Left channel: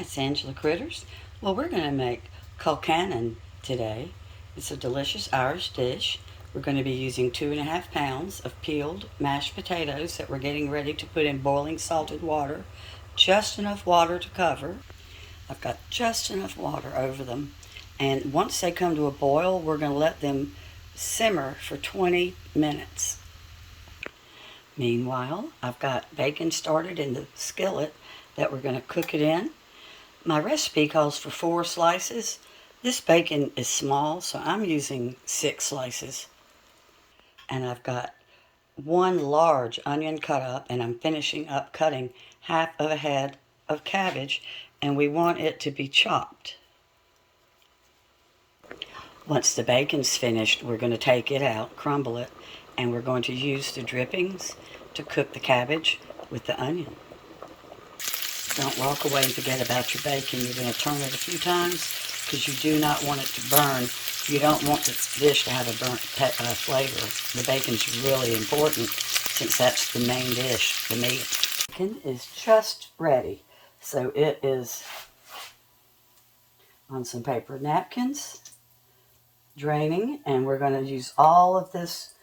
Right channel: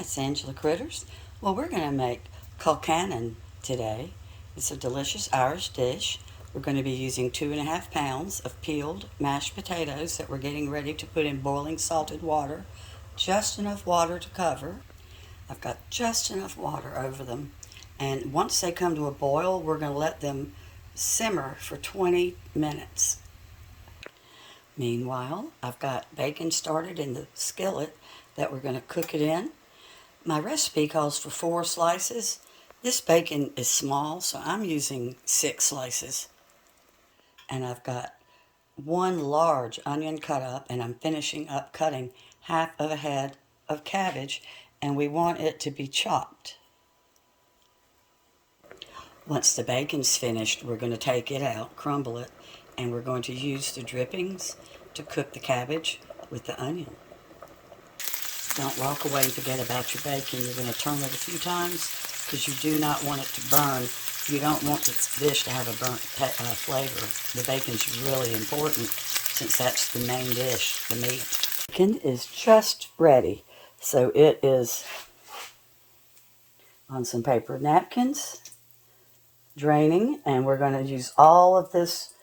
Hi, it's Angela Critters. Well, we're going to make Colcannon today. It's a delicious Irish dish. We're going to be using 2.5 pounds of peeled mashed potatoes that we're getting ready to put in boiling salted water. Just enough water to cover. I've got just enough water over them. And once they come to a boil, we're going to let them simmer for 20 minutes. Meanwhile, I've got bacon started in the skillet that we're going to cook it in. My recipe calls for 4 slices. This bacon is small, so I'm using 6 slices. And I've got 1 large onion cut up, and I'm finishing up cutting half of a head of cabbage, and we want it to be chopped. Once the bacon's finished, we're going to take it out, crumble it, and we're going to use the drippings to cook the cabbage with the onion. Don't walk away and forget about your bacon. You're going to turn it a few times because you do not want it to burn. You don't want this dish to have a burnt flavor. The bacon's really important since that's the main dish, the meat. Bacon is just ready. So it is on some paper napkins, draining, and we're going to use all of this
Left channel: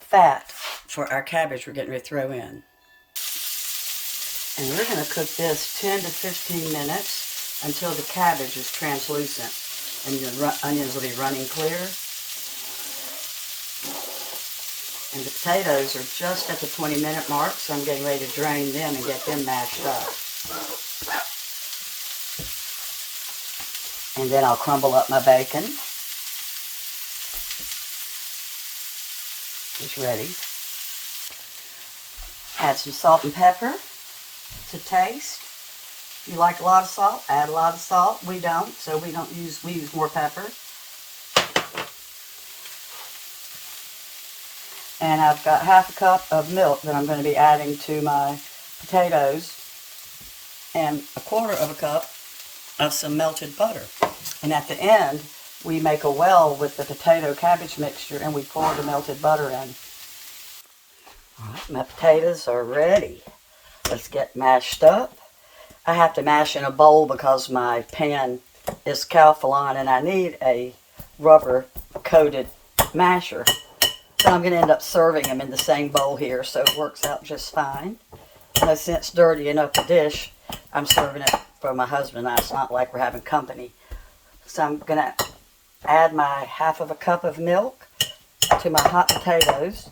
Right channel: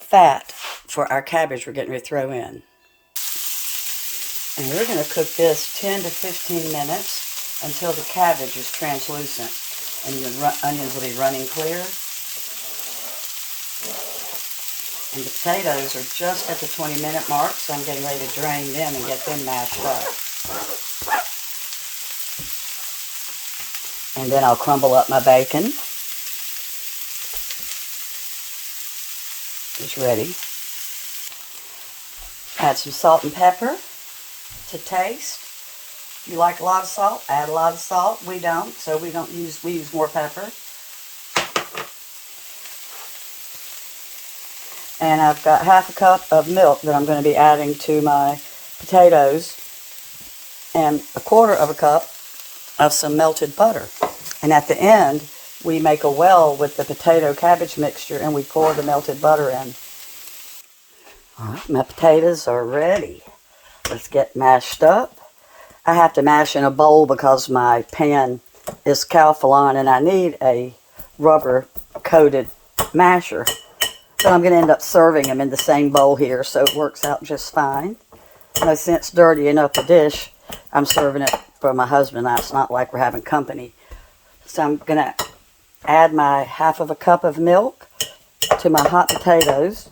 fat for our cabbage we're getting ready to throw in. And we're going to cook this 10 to 15 minutes until the cabbage is translucent and your onions will be running clear. And the potatoes are just at the 20-minute mark, so I'm getting ready to drain them and get them mashed up. And then I'll crumble up my bacon. It's ready. Add some salt and pepper to taste. If you like a lot of salt, add a lot of salt. We don't, so we use more pepper. And I've got half a cup of milk that I'm going to be adding to my potatoes, and 1/4 of a cup of some melted butter. And at the end, we make a well with the potato cabbage mixture and we pour the melted butter in. All right, my potatoes are ready. Let's get mashed up. I have to mash in a bowl because my pan is Calphalon and I need a rubber coated masher. So I'm going to end up serving them in the same bowl here, so it works out just fine. No sense dirtying up a dish. I'm serving it for my husband. It's not like we're having company. So I'm going to add my half of a cup of milk to my hot potatoes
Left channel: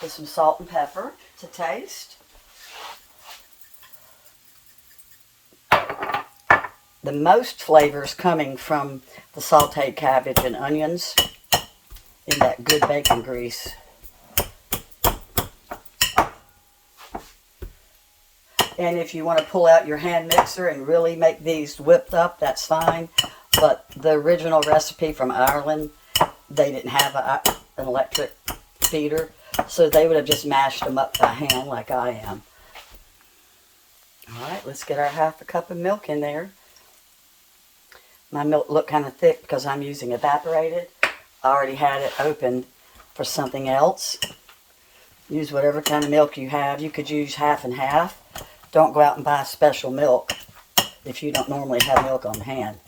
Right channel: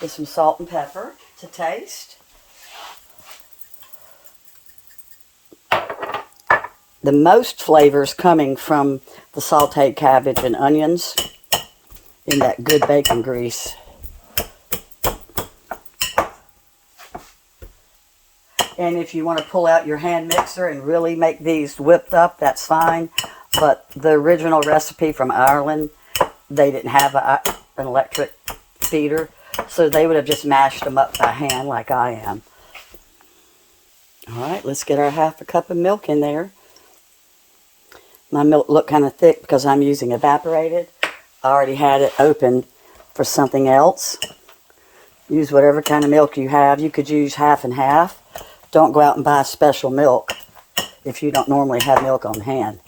with some salt and pepper to taste. The most flavors coming from the sauteed cabbage and onions in that good bacon grease. And if you want to pull out your hand mixer and really make these whipped up, that's fine. But the original recipe from Ireland, they didn't have an electric beater, so they would have just mashed them up by hand like I am. All right, let's get our half a cup of milk in there. My milk looked kind of thick because I'm using evaporated. I already had it opened for something else. Use whatever kind of milk you have. You could use half and half. Don't go out and buy special milk if you don't normally have milk on hand.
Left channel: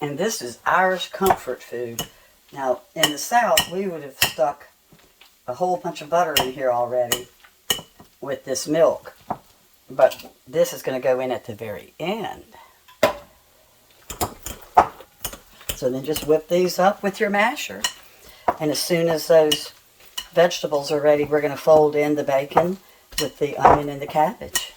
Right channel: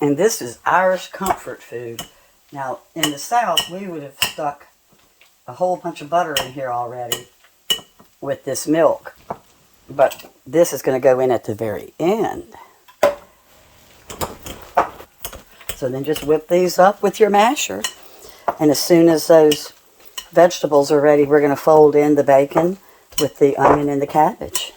And this is Irish comfort food. Now, in the South, we would have stuck a whole bunch of butter in here already with this milk. But this is going to go in at the very end. So then just whip these up with your masher. And as soon as those vegetables are ready, we're going to fold in the bacon with the onion and the cabbage.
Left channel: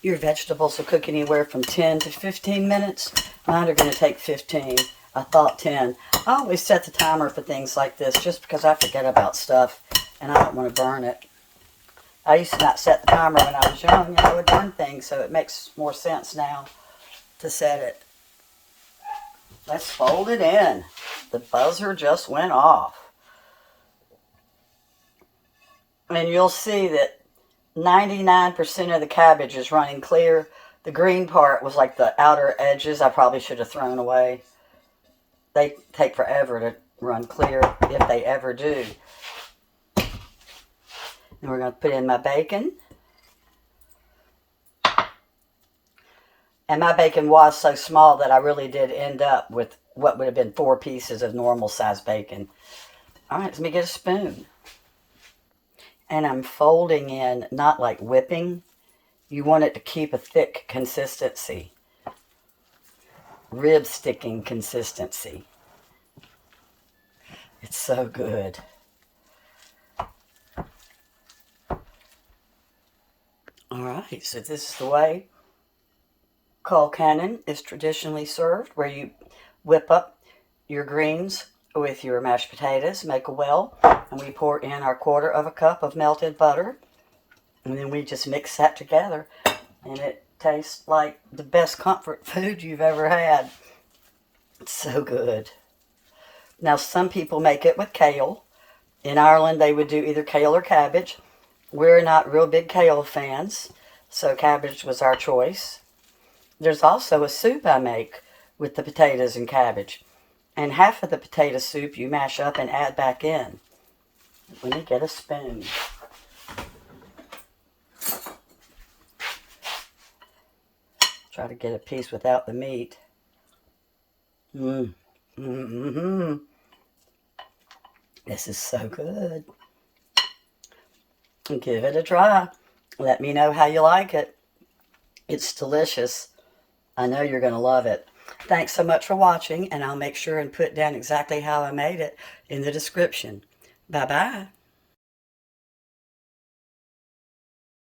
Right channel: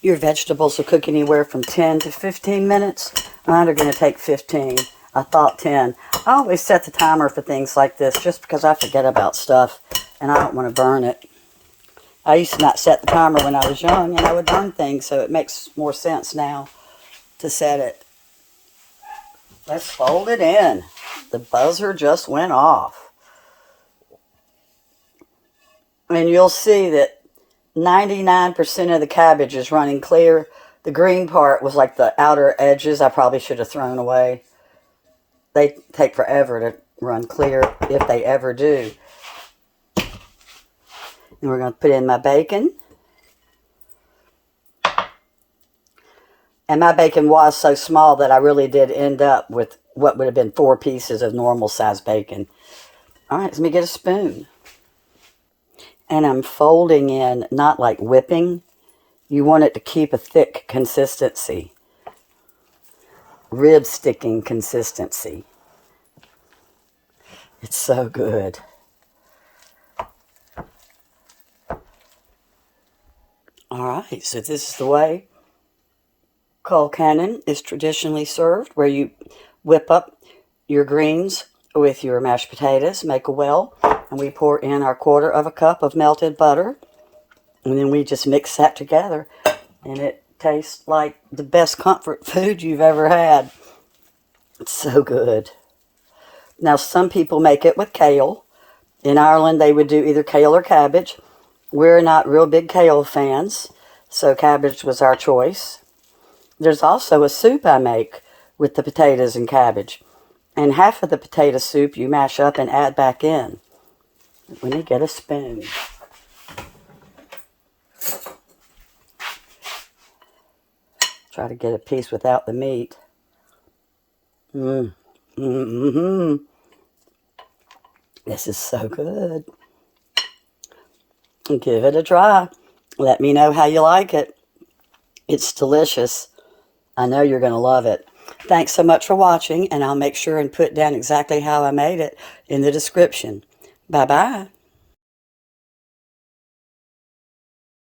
Your vegetables will cook anywhere from 10 to 15 minutes. Mine are going to take 15. I thought 10. I always set the timer for things like this just because I forget about stuff and I don't want to burn it. I used to not set the timer when I was young and I would burn things, so it makes more sense now to set it. Let's fold it in. The buzzer just went off. And you'll see that 99% of the cabbage is running clear. The green part was like the outer edges I probably should have thrown away. They take forever to run clear if they ever do. And we're going to put in my bacon. And my bacon was so small that I really did end up with what would have been 4 pieces of normal size bacon. All right, let me get a spoon. And I'm folding in, not like whipping. You want it to keep a thick consistency. Rib sticking consistency. It's so good. All right, so this is the way Colcannon is traditionally served, where you whip up your greens with your mashed potatoes, make a well, and we pour in our 1/4 cup of melted butter, and then we just mix that together, and it tastes like the best comfort food you've ever had. It's so good. Now, some people make it with kale. In Ireland, they would do either kale or cabbage. We're not real big kale fans, so cabbage was our choice. There's also a soup I make with the potatoes and cabbage. And half of the potato soup you mash up and add back in. When you get a spoon. Try to get a piece without the meat. This is so good. Give it a try. Let me know how you like it. It's delicious. I know you're going to love it. Thanks so much for watching, and I'll make sure and put down exactly how I made it in the description. Bye-bye.